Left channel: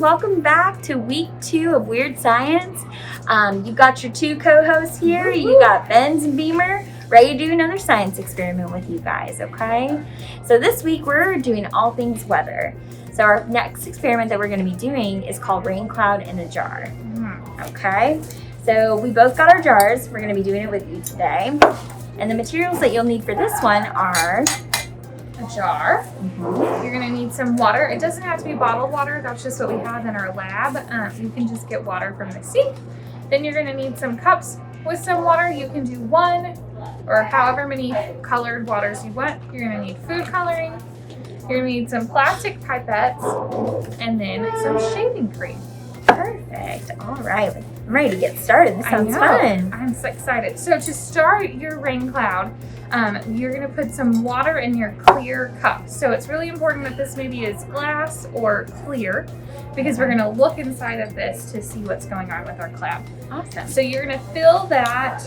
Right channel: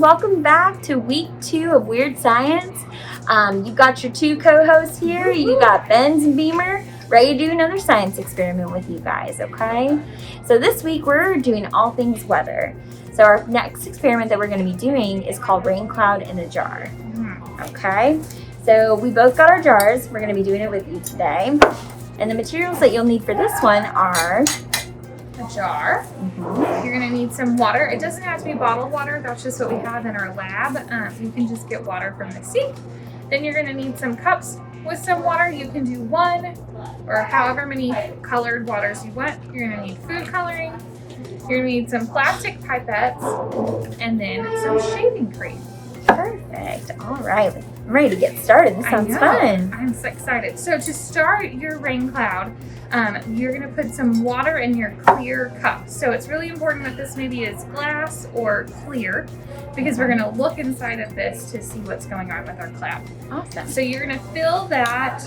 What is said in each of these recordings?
welcome back to week 2 of Weird Science. You got your 2 co-hosts here. You got Benz and Beemer, ready to do another science experiment with you guys, okay? So this week we're doing all things weather. So our next experiment that we're going to be doing is called Rain Cloud in a Jar, okay? So we both got our jars. We're going to be doing it with you today. And the materials that you'll need for this one are a jar. You're going to need some water. It doesn't have to be bottled water. That's just what we have in our lab. You can just get water from the sea. Then you're going to need some cups with some water. You can do 1 or however many colored waters you want. You're going to need food coloring. You're going to need some plastic pipettes and then some shaving cream. Perfect. All right. I'm ready to get started. This sounds fun. I'm so excited. So to start your rain cloud, you're going to put some water in your clear cup. So it's really important that this maybe is glass or clear because we're going to look inside of this to see what's going on with our cloud. Awesome. So you're going to fill that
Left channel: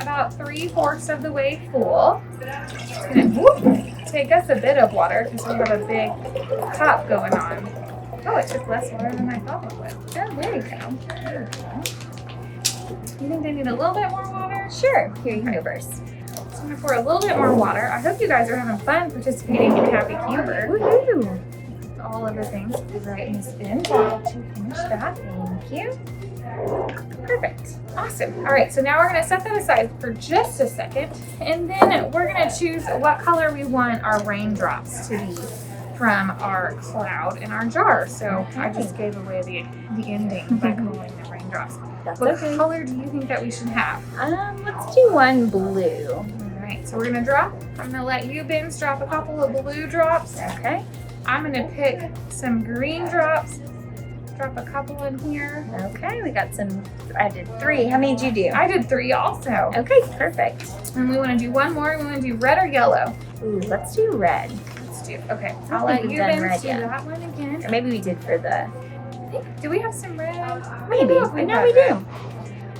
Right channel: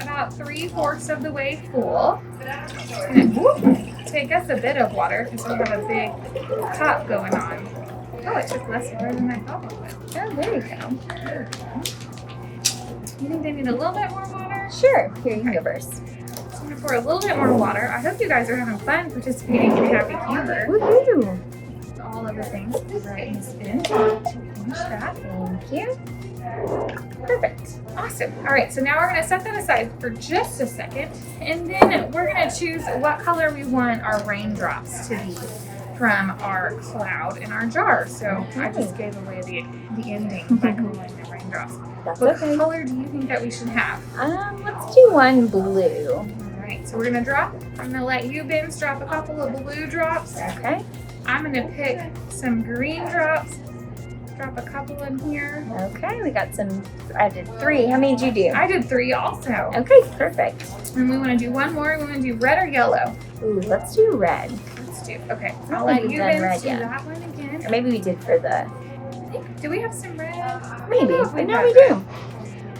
about 3/4 of the way full. It's going to take us a bit of water because we have a big cup going on. Oh, it took less water than I thought it would. Oh, there you go. You think they need a little bit more water? Sure. Here, you can go first. So I'm going to pour a little bit more water. I hope you guys are having fun participating in Happy Humor. Woohoo! All of the things right in this bin to finish that. Thank you. Perfect. Awesome. All right, so now we're going to set that aside for just a second, and then we're going to choose what color we want our raindrops to be from our cloud in our jar. So I just gave away the ending by calling the raindrops. That's what okay. color do you think that we should have? Let's do one blue. All right, so we're gonna drop. I'm gonna let you, Benz, drop a couple of blue drops. Okay. I'm gonna pick some green drops. Drop a couple in here. Okay, we got some. I did 3. How many did you do? I did 3 also. Okay, perfect. And we want to do one more. We want to do red or yellow. Ooh, let's do red. Okay, I I'll don't let think you we've done then red do yet. that one again. Or maybe we did for the. Do we have some red? Maybe, but now we do.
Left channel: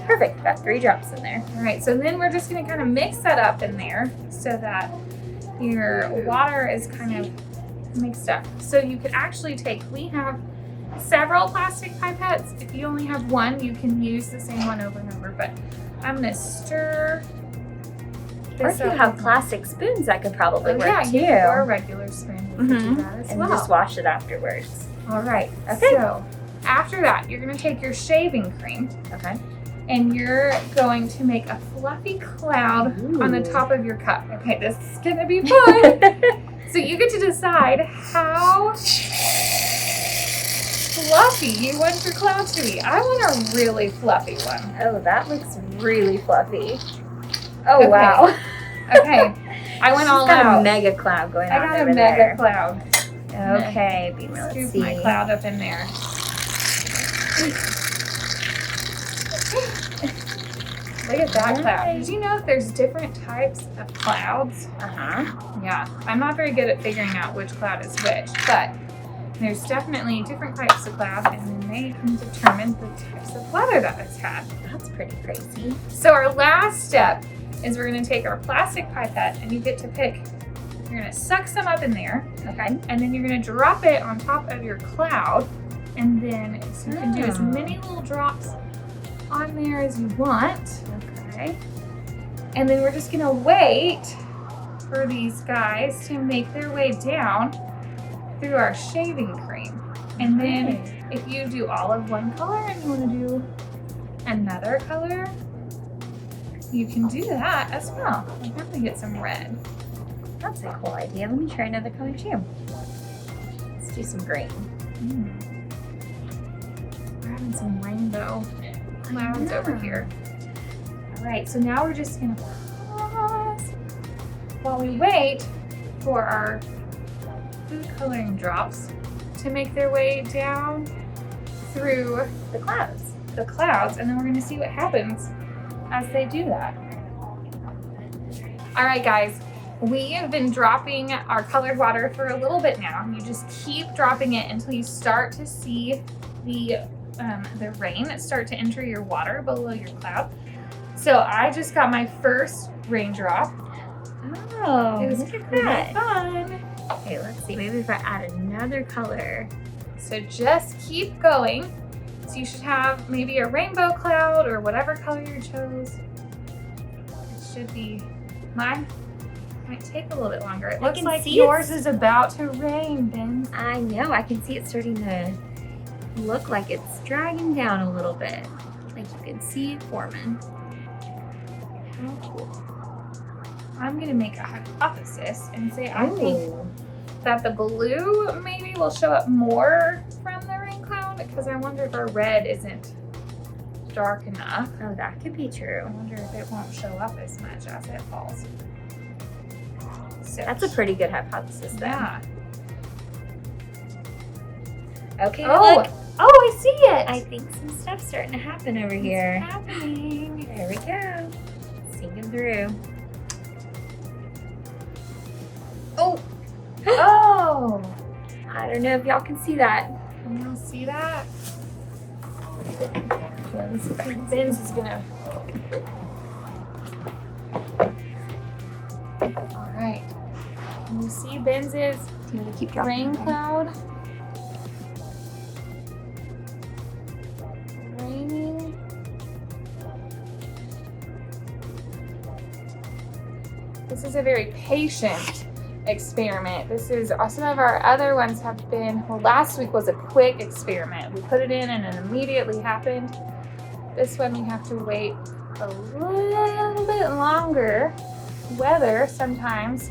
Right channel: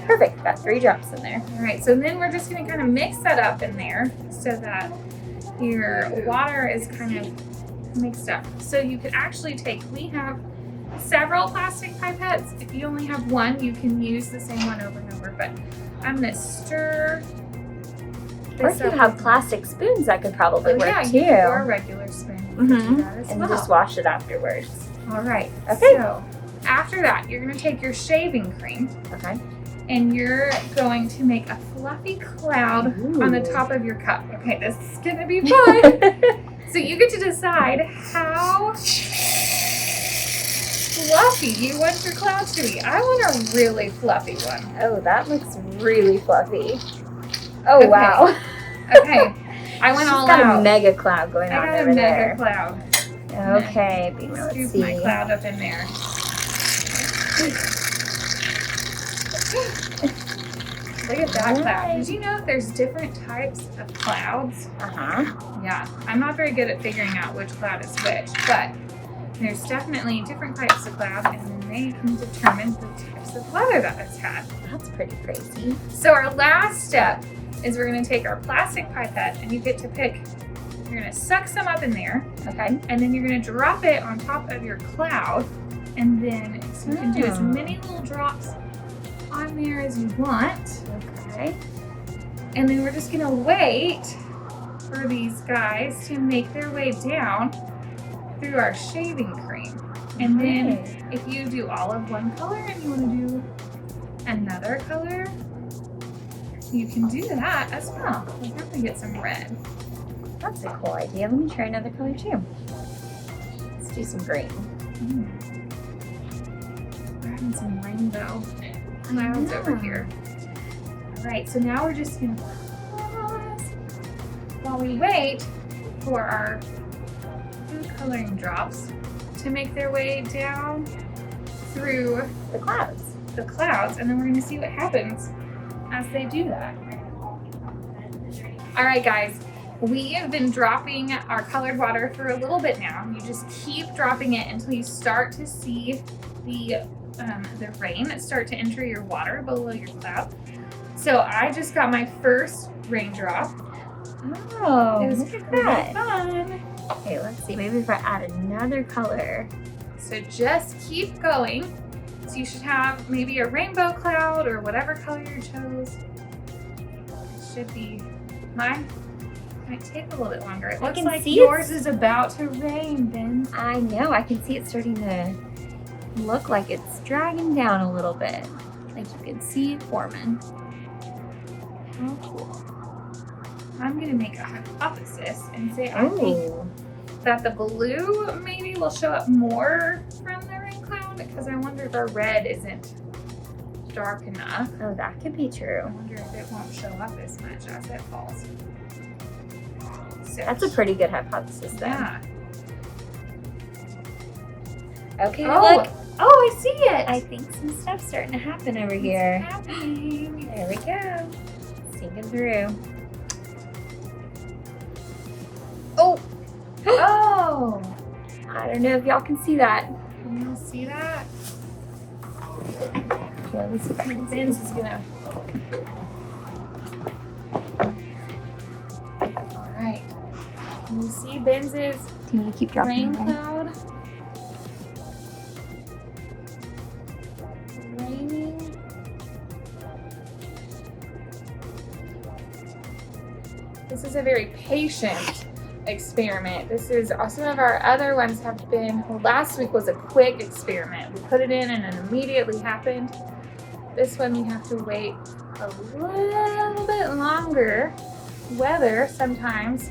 Perfect. Got 3 drops in there. All right, so then we're just going to kind of mix that up in there so that your water is kind of mixed up. So you could actually we have several plastic pipettes. If you only have one, you can use the same one over and over, but I'm going to stir. Or if you have plastic spoons, that could probably work too. Or a regular spoon. You can do that as and well. just wash it afterwards. All right. Okay. So after that, you're going to take your shaving cream. Okay. And you're going to make a fluffy cloud on the top of your cup. Okay, this is going to be fun. So you get to decide how fluffy you want your cloud to be. I want a really fluffy one. Oh, that looks really fluffy. Oh, okay. Wow. Okay. I went all out. Got a mega cloud going on over there. Mega cloud. Okay, Beemer, let's see. Scoop my cloud up in there. Look at that cloud. Did you know there's different types of clouds? Yeah. I'm not very good at figuring out which cloud is which, but there's definitely different types of cloud, and then they can determine the types of weather that it's had. That's pretty crazy. So our last step is we're going to take our plastic pipette, and you get to pick. You're going to suck some up in there, okay? And then you're going to drop it on top of your cloud, and then so you can do as many little drops on there as you want. Okay. And then we're just going to wait for these guys to make their way down through our shaving cream. And then if you do all of one color and you want to do another color, you can do that as well. We have to get some red. That's a cool idea. Let me try another color too. Let's do some green. We're having some rainbow clouds over here. All right, so now we're just gonna pause while we wait for our food coloring drops to make their way down through the clouds. And then we're gonna see what happens as they do that. All right, guys, we have been dropping our colored water for a little bit now. You just keep dropping it until you start to see the rain start to enter your water below your cloud. So I just got my first raindrop. Oh, it was look at pretty that. fun. Okay, let's see. Maybe if I add another color. So just keep going. So you should have maybe a rainbow cloud or whatever color you chose. It should be, mine might take a little bit longer. It looks like yours is about to rain, Ben. I know, I can see it starting to look like it's dragging down a little bit. Like you can see it forming. Oh, cool. I'm gonna make a hypothesis and say I think that the blue maybe will show up more from the rain cloud, because I wonder if our red isn't dark enough. Oh, that could be true. I wonder if it won't show up as much as it falls. So that's a pretty good hypothesis then. Yeah. Okay, oh, look. Oh, I see it. I think some stuff's starting to happen over here. It's happening. There we go. Sinking through. Oh! Oh! I don't know if y'all can see that. Can you see that? Yeah, this is Benz is gonna. All right. Can you see Benz's Can you keep dropping rain cloud? Raining. This is a very patient experiment. This is some of our other ones have been, well, last week was a quick experiment. We put it in and it immediately happened. This one we have to wait a little bit longer. Weather sometimes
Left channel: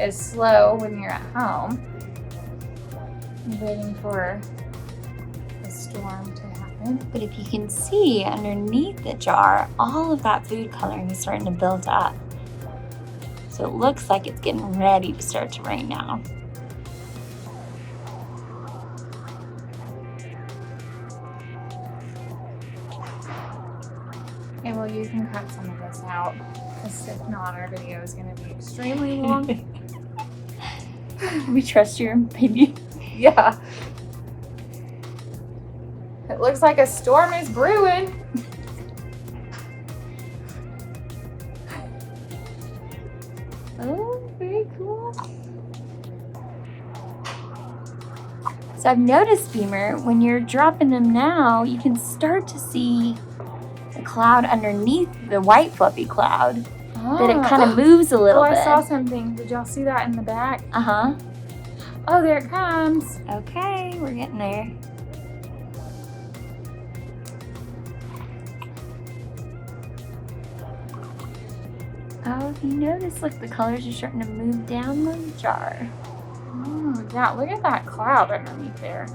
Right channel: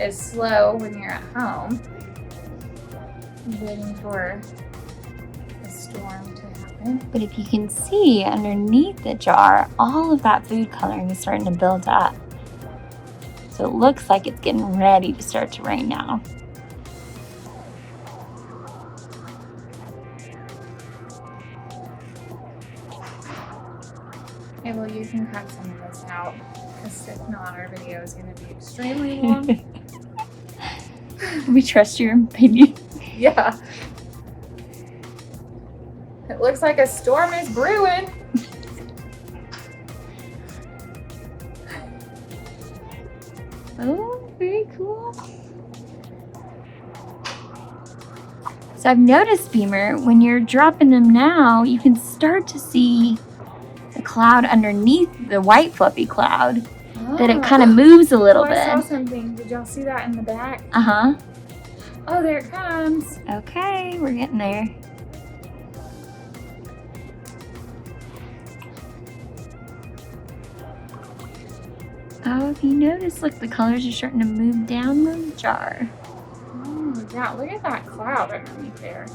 is slow when you're at home, waiting for a storm to happen. But if you can see underneath the jar, all of that food coloring is starting to build up. So it looks like it's getting ready to start to rain now. Okay, well, you can cut some of this out, because if not, our video is going to be extremely long. We trust your opinion. Yeah. It looks like a storm is brewing. Oh, very cool. So I've noticed, Beemer, when you're dropping them now, you can start to see the cloud underneath the white fluffy cloud. That it kind of moves a little bit. I saw something. Did y'all see that in the back? Uh-huh. Oh, there it comes. Okay, we're getting there. Oh, if you notice, look, the colors are starting to move down the jar. Oh, yeah, look at that cloud underneath there.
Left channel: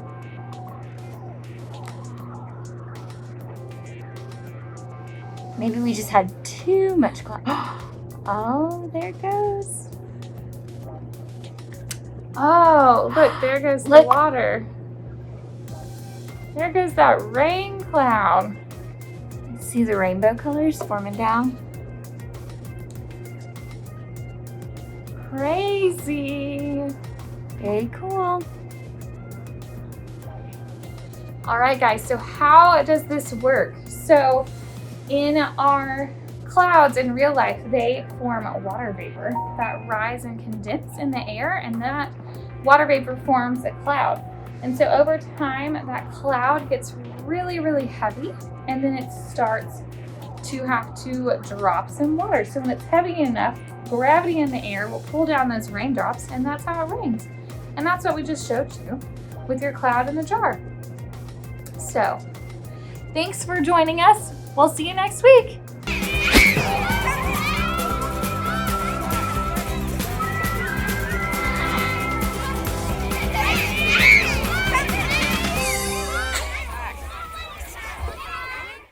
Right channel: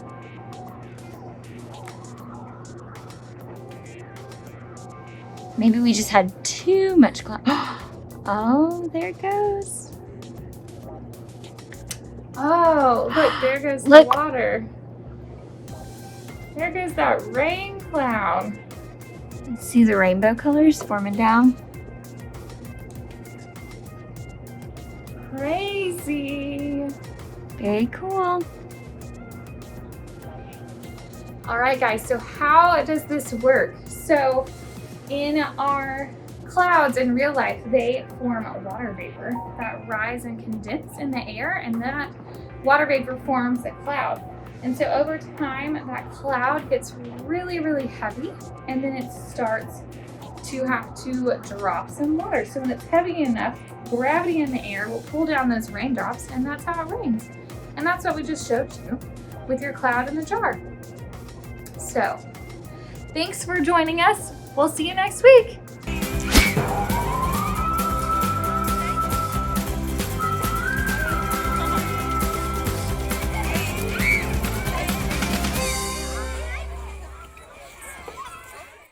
Maybe we just had too much cloud. Oh, there it goes. Oh, look, there goes the Look. water. There goes that rain cloud. See the rainbow colors forming down? Crazy. Very cool. All right, guys, so how does this work? So in our clouds in real life, they form water vapor that rise and condense in the air, and that water vapor forms a cloud. And so over time, that cloud gets really, really heavy, and then it starts to have to drop some water. So when it's heavy enough, gravity in the air will pull down those raindrops, and that's how it rains. And that's what we just showed you with your cloud in the jar. So thanks for joining us. We'll see you next week.